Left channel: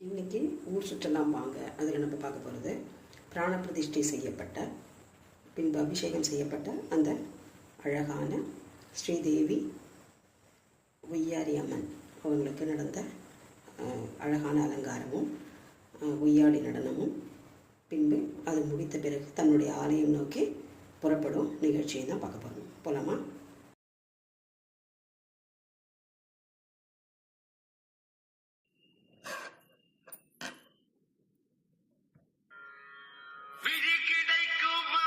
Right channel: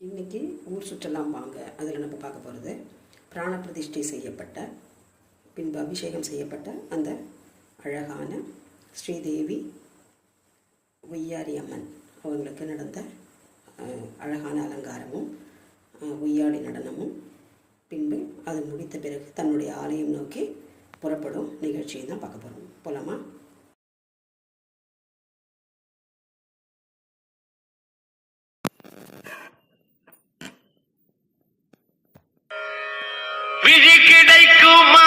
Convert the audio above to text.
இன்னைக்கு ஊர் சுற்றலாம் வாங்க அதில் நம்ம பார்க்க போகிறது பிராண பிரதிஷ்டை செய்யப்பட்ட பின்பு அபிஷேகம் செய்யப்பட்ட அந்த அழகான ஸ்ரீதேவி ஒய்யாரி அம்மன் அவங்களுக்கு நடந்த அழகான அலங்காரமும் ஒய்யாடி நடனமும். பின்பு அது முடித்த பிறகு தன்னுடைய ஆலயம் நோக்கி புறப்படும் நிகழ்ச்சியை தான் பார்க்க போகிறோம் போலாமா? விழி கிடைக்குமா?